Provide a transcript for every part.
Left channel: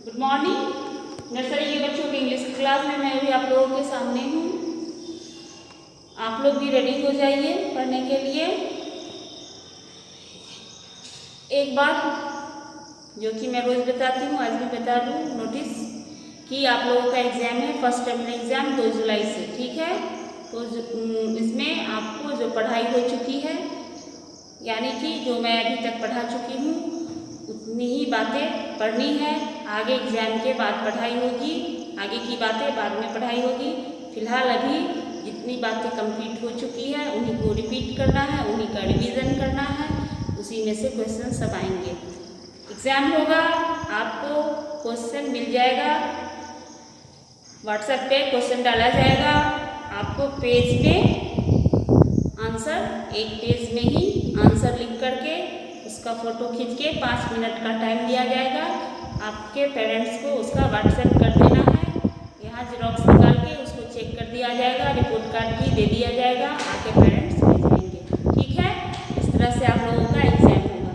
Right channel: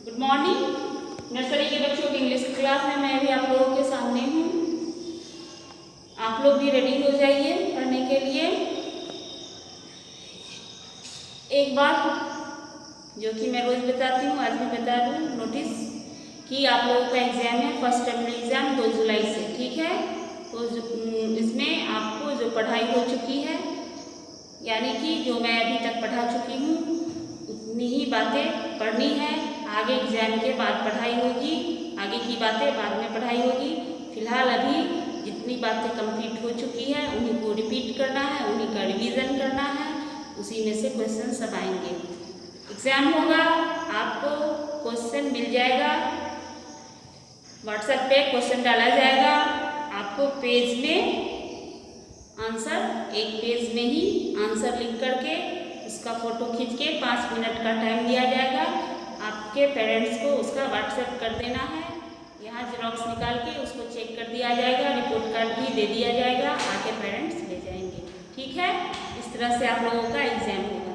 Good morning. Nursery के बच्चों की इंग्लिश क्लास में मैं भी आप लोगों के सामने हूँ। आप लोग भी रेडी हो जाइए पढ़ने के लिए। एक बात जो कि मैं रोज बताती हूँ, आज भी बता दूँ, नोटिस कि आप लोगों का एग्जाम है, फर्स्ट टर्मिनल एग्जाम 2 जुलाई से, ठीक है। तो इसमें आपको जो पढ़ाई हो चुकी है, यानी कि जो मैं अभी तक पढ़ा चुकी हूँ उतनी ही बातें पढ़नी है। आगे एग्जाम के बाद पढ़ाई होगी, आगे की बातें बाद में पढ़ाई होगी। फिलहाल अभी जितनी बातें कंप्लीट हो चुकी हैं उन्हीं को रिपीट करना है, उन्हीं का रिवीजन करना है, उसी में से क्वेश्चन सब आएंगे। एग्जाम होगा, आपको क्वेश्चन मिल जाएगा, व्हाट्सएप पे क्वेश्चन डाला जाएगा, आपको पेज में आंसर, एक पेज में ही आंसर लिख करके उसका फ़ोटो खींच के 5 मिनट का टाइम दिया जाएगा। आपके पेरेंट्स को उसका व्हाट्सएप कर देना है, यहाँ जेरॉक्स निकाल के उसको चेक कर दिया जाएगा, रिपोर्ट कार्ड भी दे दिया जाएगा, आपके पेरेंट्स ले जाएंगे, ठीक है। इस तरह से आप लोगों का एग्जाम होगा।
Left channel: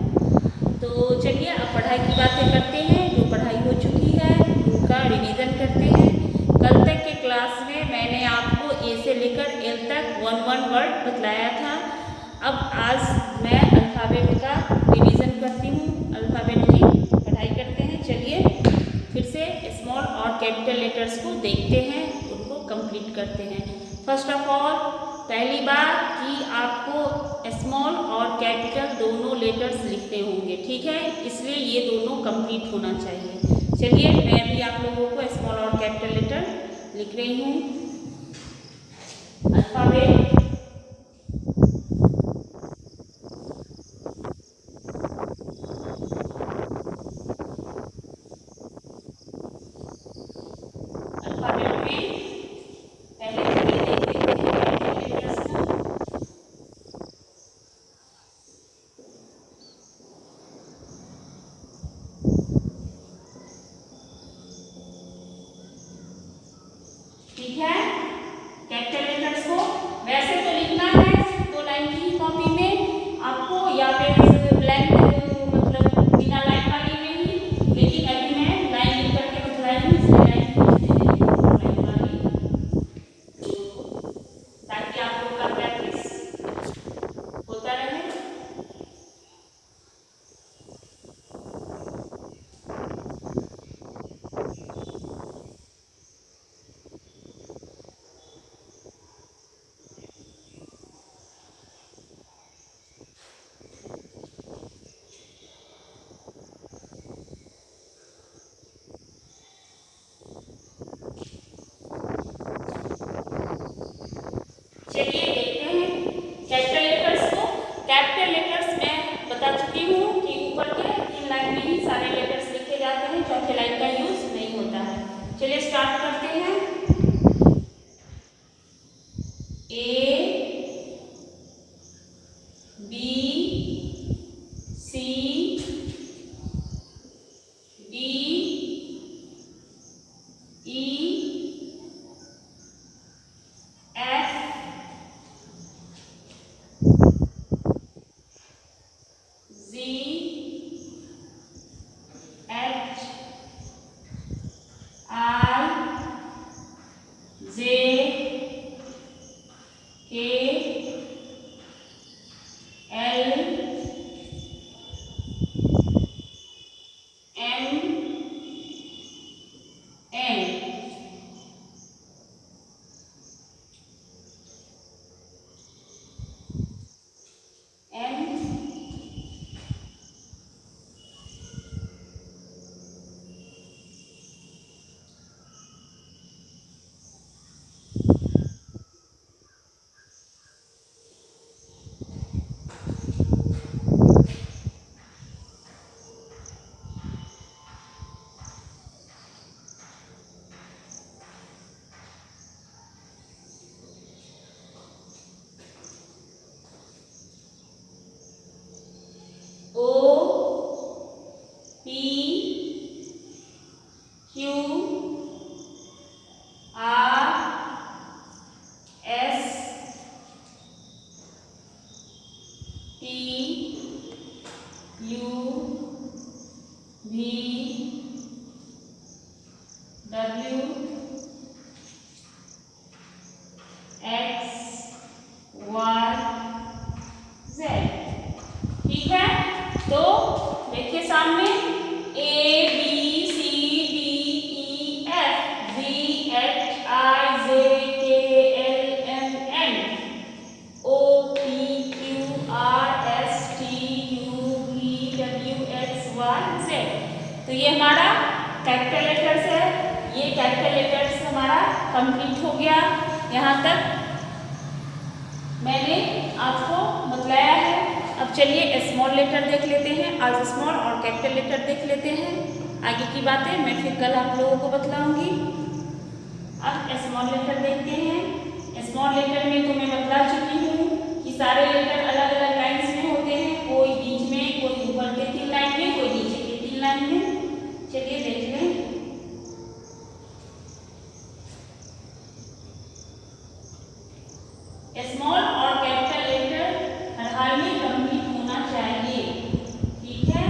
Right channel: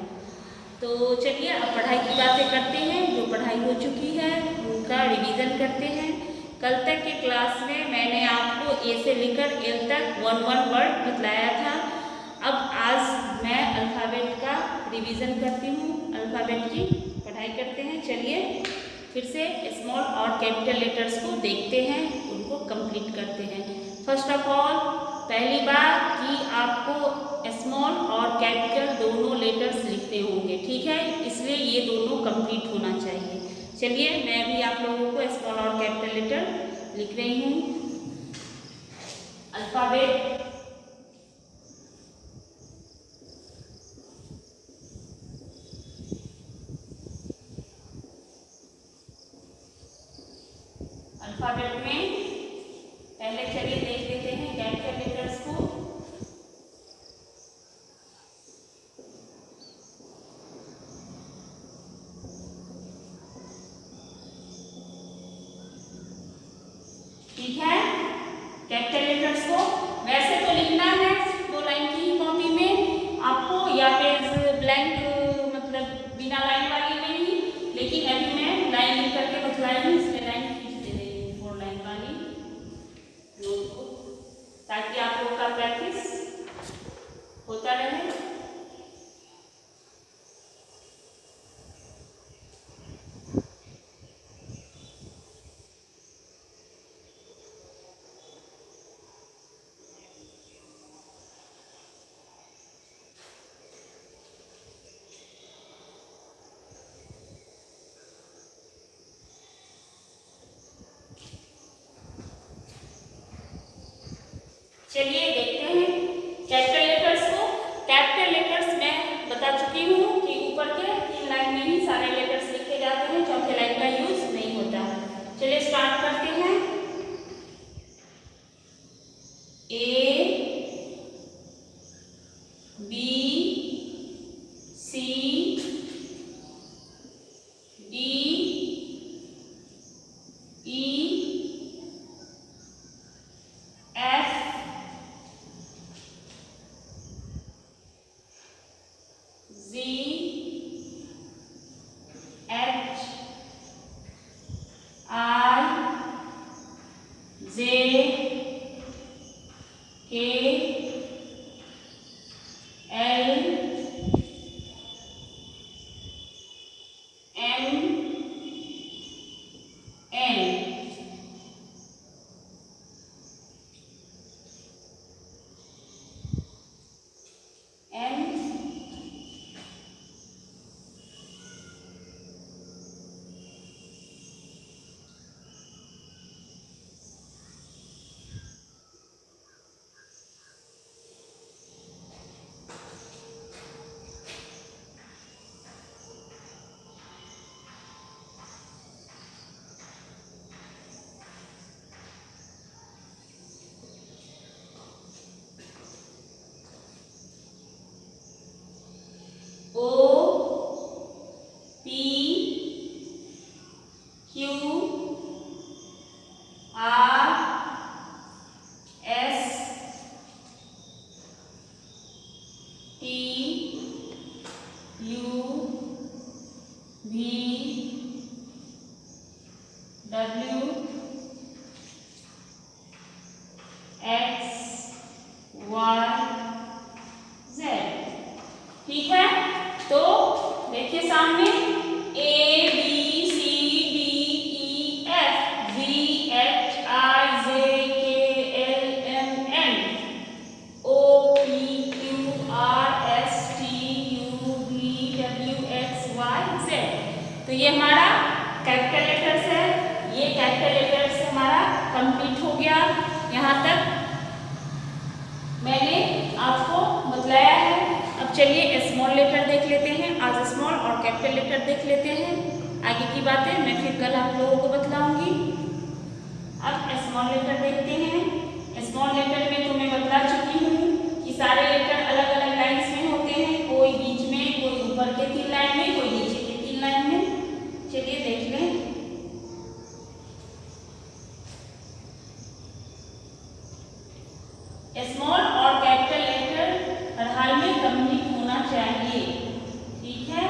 तो चलिए अब पढ़ाई की बातें करते हैं। जो पढ़ाई हो चुकी है उनका रिवीजन करते हैं। कल तक के क्लास में मैंने आपको ए से लेकर एल तक 1-1 वर्ड बतलाया था। अब आज मैं अल्फ़ाबेट का रिवीजन करती हूँ, अल्फ़ाबेट की पढ़ाई करते हैं। चलिए फिर से स्मॉल और कैपिटल लेटर्स को देखते हैं, उनको कंप्लीट करते हैं। फर्स्ट ऑफ ऑल, पहली बात कि आपको स्मॉल और कैपिटल दोनों लेटर्स लिखने होंगे, ठीक है, इसलिए ये दोनों कंप्लीट होना चाहिए। चलिए मैं भी आप लोगों को स्मॉल और कैपिटल लेटर लिख रही हूँ। अल्फ़ाबेट, अल्फ़ाबेट में पहले चलिए देख लेते हैं कैपिटल लेटर्स को। ठीक है, कैपिटल लेटर्स को वैसे तो लिखना है 2 लाइन की कॉपी में आपको, या फिर ब्लैंक मतलब बिना लाइन वाली में ही, लेकिन अभी मैं लाइन लिख करके बतलाई हूँ, इसमें लाइन खींच दे रही हूँ, लाइन वाली, ताकि आप लोग का प्रैक्टिस होता रहे। चलिए देखते हैं कैपिटल लेटर्स को। कैपिटल लेटर्स मैं बता चुकी हूँ कि ऊपर के 3 लाइन में ही सारे लेटर्स लिखे जाते हैं, चौथे लाइन का यूज नहीं होता है। चलिए स्टार्ट करते हैं। ए, B, C, D, E, F, W X Y Z। ठीक है, तो देखिए सामने A B C D E F G H I J K L M N O P Q R S T U V W X Y Z। तो ये हमारा capital letters है। ये कैपिटल लेटर्स हमारा कंप्लीट हो गया। यहाँ तक मैंने आपको बतलाया है। अब चलिए स्मॉल लेटर देख लेते हैं। आज स्मॉल और कैपिटल लेटर देख लेते हैं। आगे की बातें मैं फिर कल आप लोगों को बतलाऊंगी। अब स्मॉल लेटर देखते हैं। स्मॉल लेटर में तो मैं बतला चुकी हूँ कि सारे लेटर अलग अलग लाइन्स में होते हैं, कोई बीच में, कोई ऊपर के 3 लाइन में, कोई नीचे के 3 लाइन में। चलिए देख लें। स्मॉल और कैपिटल लेटर हर हाल में कंप्लीट होना चाहिए। ठीक है,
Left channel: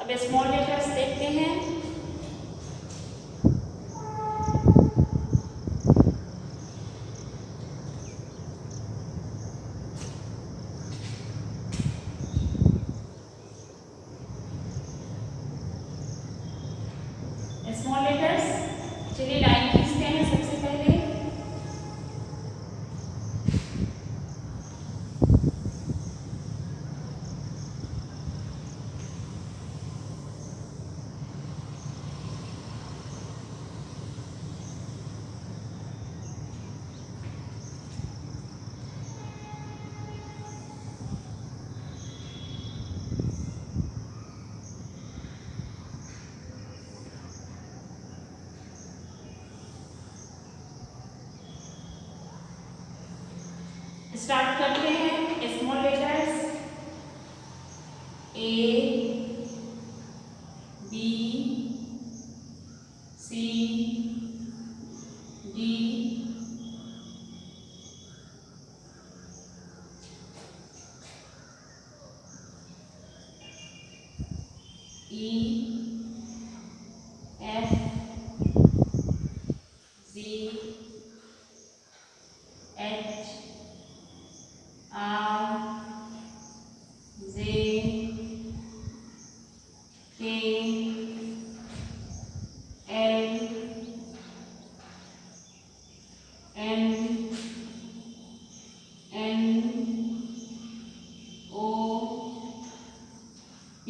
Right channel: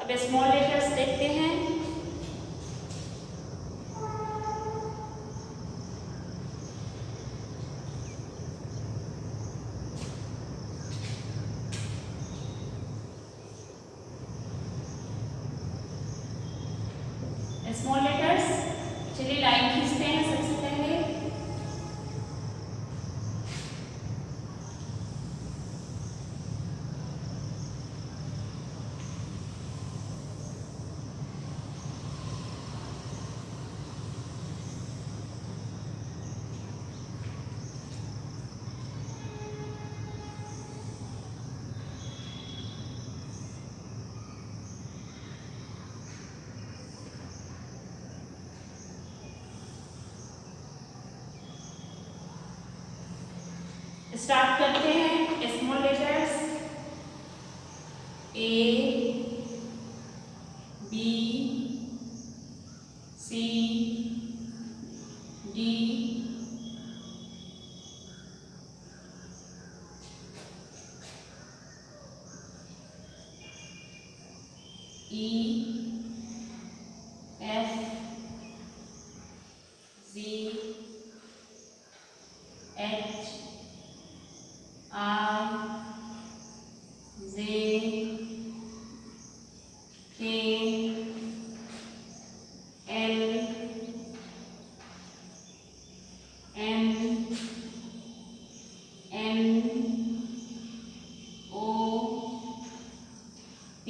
अब स्मॉल लेटर्स देखते हैं। स्मॉल लेटर्स, चलिए लाइन खींचते हैं सबसे पहले। स्टार्ट करते हैं small letters. A B C D E F G H I J K L M N O P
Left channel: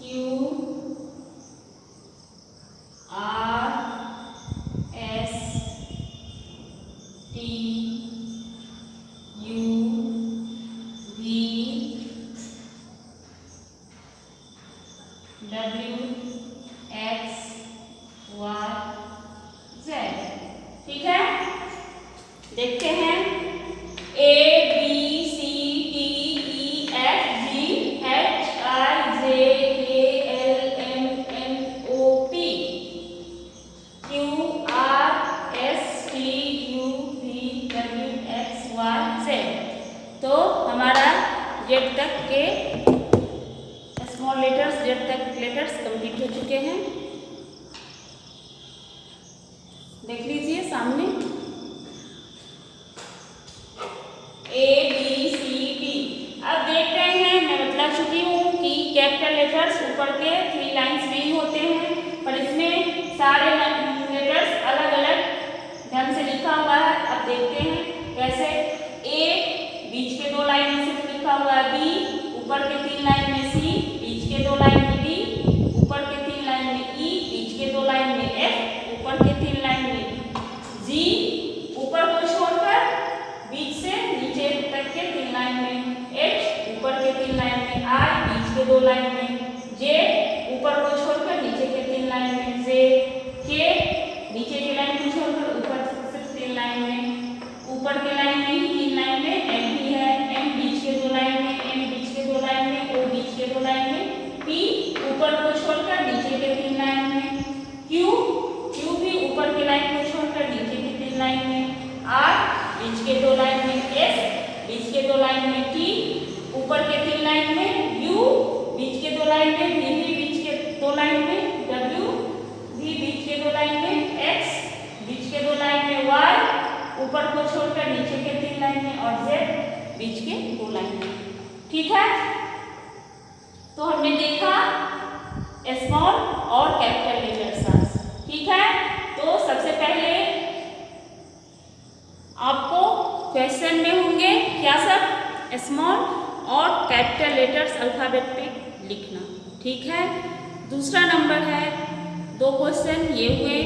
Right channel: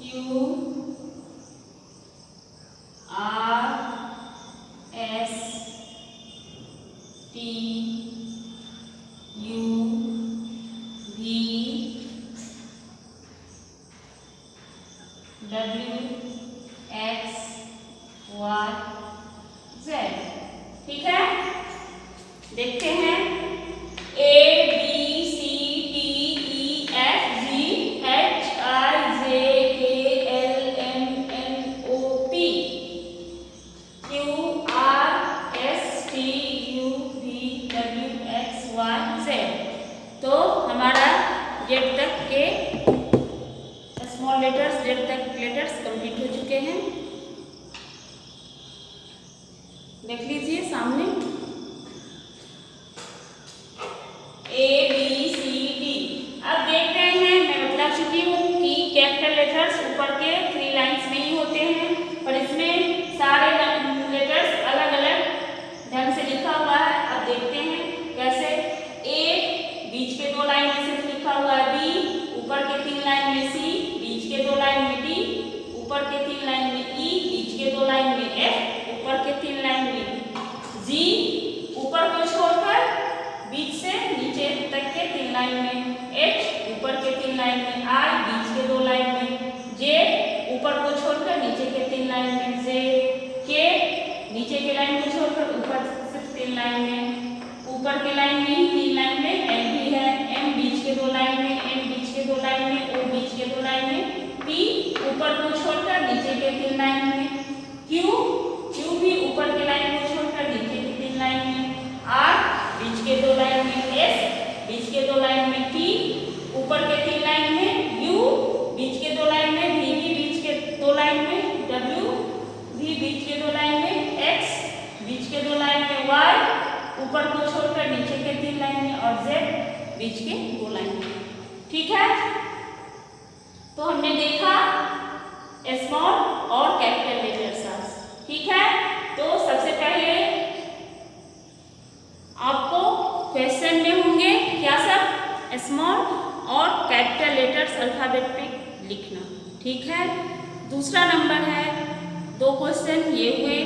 Q R S T U V W X Y Z। ठीक है, देखते हैं। A B C D E F G H I J K L M N O P Q R S T U V W X Y Z। तो हमारा Z तक के small letters, Z तक letters complete हो चुके हैं। देख लीजिए सामने A B C D। अब देख रहे हैं, मैं बता चुकी हूँ कि कैपिटल लेटर्स ऊपर के 3 लाइन्स में ही होते हैं। 2 लाइन में, जे ऊपर को छोड़कर नीचे के 3 लाइन में, जे के नीचे के लाइन को छोड़कर ऊपर सिर्फ 3 लाइन में, ऊपर के लाइन में ही 3 लाइन में एल भी है, एम बीच के 2 लाइन में, एन बीच के 2 लाइन में, ओ बीच के 2 लाइन में, पी ऊपर को छोड़कर नीचे के 3 लाइन में, क्यू भी ऊपर के लाइन को छोड़कर नीचे के 3 लाइन में, आर बीच के 2 लाइन में, एस बीच के 2 लाइन में, टी ऊपर के 3 लाइन में, यू बीच के 2 लाइन में, वी भी बीच के 2 लाइन में, डब्ल्यू भी बीच के 2 लाइन में, एक्स बीच के 2 लाइन में, वाई ऊपर को छोड़कर नीचे के 3 लाइन में और जेड बीच के 2 लाइन में। ठीक है, तो हमने देखा स्मॉल और कैपिटल लेटर्स। ठीक है, तो सबसे पहले आपको क्वेश्चन में होंगे क्या सब, स्मॉल और कैपिटल लेटर्स अल्फाबेट पे लिखना। ठीक है, दूसरा नंबर है, 2 क्वेश्चन ये हुए।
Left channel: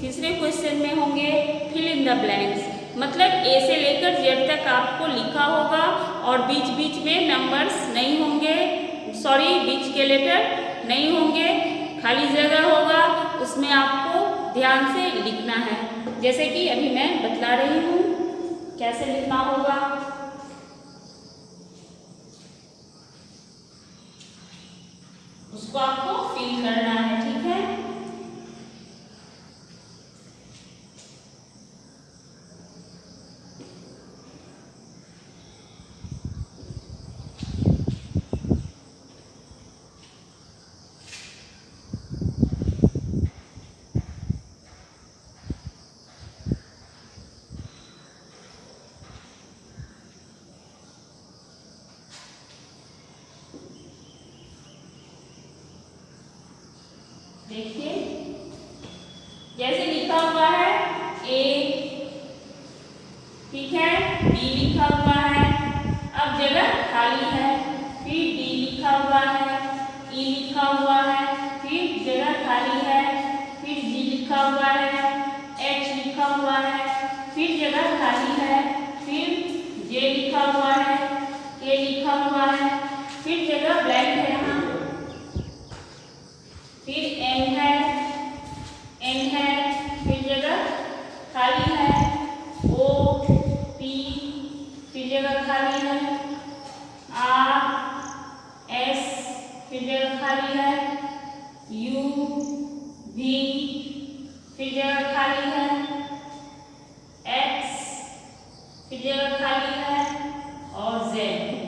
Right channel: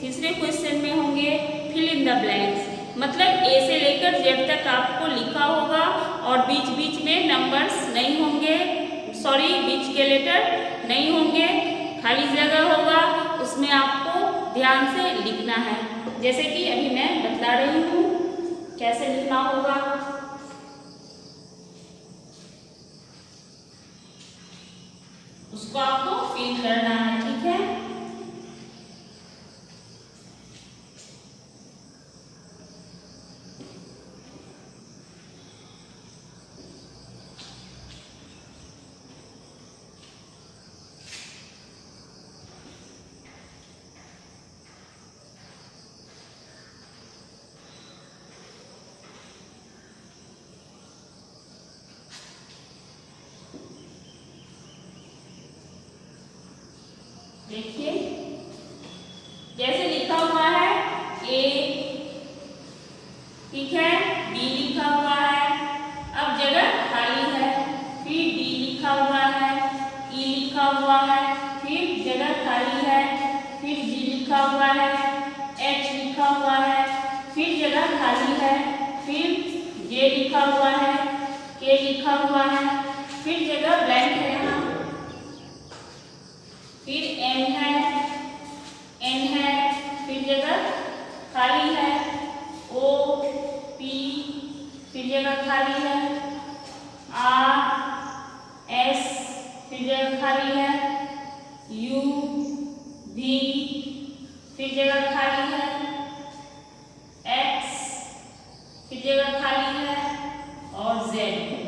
तीसरे क्वेश्चन में होंगे फिल इन द ब्लैंक्स, मतलब ए से लेकर जेड तक आपको लिखा होगा और बीच बीच में नंबर्स नहीं होंगे, सॉरी बीच के लेटर नहीं होंगे, खाली जगह होगा, उसमें आपको ध्यान से लिखना है। जैसे कि अभी मैं बतला रही हूँ कैसे लिखना होगा। उसको आपको फिल करना है। ठीक है, देखिए जैसे लिखा हुआ है ए, ठीक है, बी लिखा हुआ है, अब जगह खाली है, फिर डी लिखा हुआ है, ई लिखा हुआ है, फिर जगह खाली है, फिर जी लिखा हुआ है, एच लिखा हुआ है, फिर जगह खाली है, फिर जे लिखा हुआ है, के लिखा हुआ है, फिर जगह ब्लैंक है यहाँ, फिर एन है, फिर जगह खाली है, ओ पी फिर जगह खाली है, आर एस फिर जगह खाली है, यू भी फिर जगह खाली है, एक्स फिर जगह खाली है और जेड।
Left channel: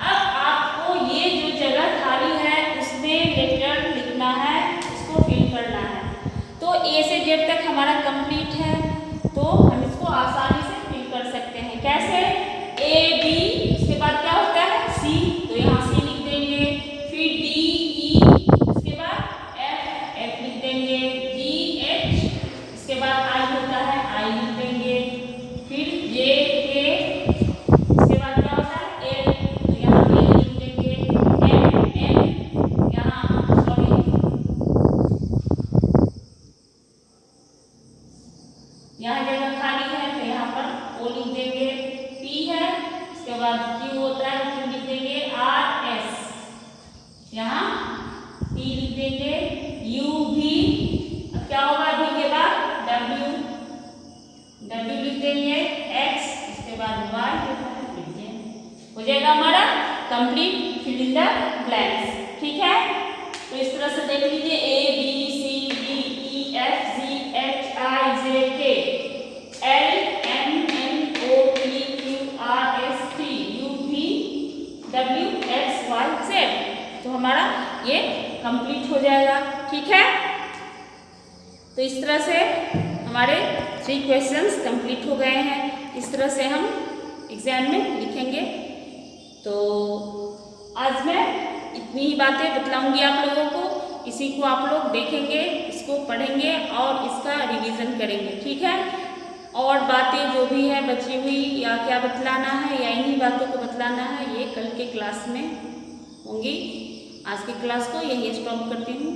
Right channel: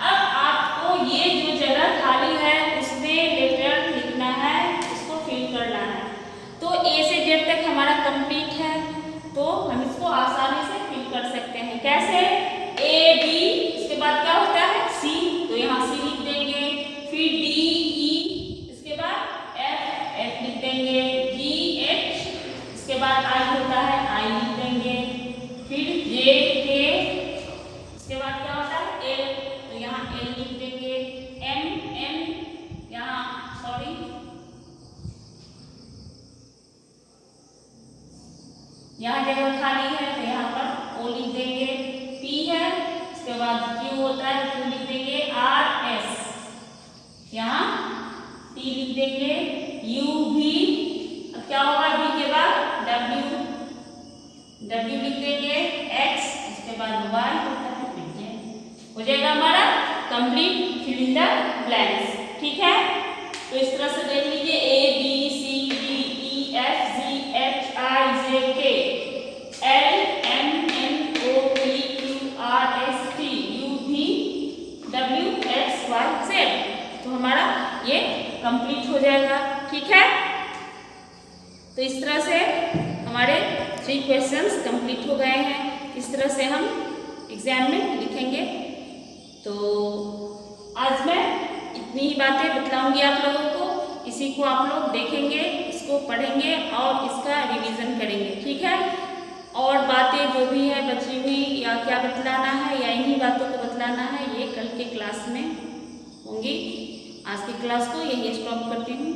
अब आपको ये जो जगह खाली है उसमें लेटर लिखना है, उसको फिल करना है। तो ए से जेड तक हमारा कंप्लीट है, तो हम इसको आसानी से फिल कर सकते हैं। कैसे, ए बी, इसके बाद क्या होता है सी, तो यहाँ सी लिख देंगे, फिर डी ई, इसके बाद एफ लिख देंगे, जी एच, इसके बाद आई होता है आई लिख देंगे, फिर जे के, इसके बाद क्या होता है एल, तो यहाँ एल लिख देंगे, एम यहाँ सॉरी यहाँ जगह खाली है तो यहाँ पर ओ लिख देंगे, पी है, इसके बाद क्यू होता है क्यू लिख देंगे, आर एस यहाँ टी लिख देंगे, यू भी, अब क्या होगा भी के बाद डब्ल्यू लिख देंगे, एक्स, इसके बाद वाई होता है, हो जाएगा हमारा complete fill in the blanks. ठीक है, तो इस तरह से देख लीजिए A B C D E F G H I J K L M N O P Q R S T U भी डब्ल्यू एक्स वाई जेड, तो हमारा ये कंप्लीट हो जाएगा। ठीक है, तो इस तरह से हमारे 3 क्वेश्चंस कंप्लीट हो गए हैं। इस तरह से हम एग्जाम में लिखेंगे। तो आज मैं इतनी ही बातें बतलाऊंगी आप लोगों को, इसी को आप लोग देखेंगे, इसको पढ़ेंगे और इसका रिवीजन करेंगे। ठीक है, और बातें जो भी है बची हुई या क्या बतलाना है या इन्हीं बातों को बतलाना है, ये कल के क्लास में होंगी। आज की क्लास को यही स्टॉप करती हूँ।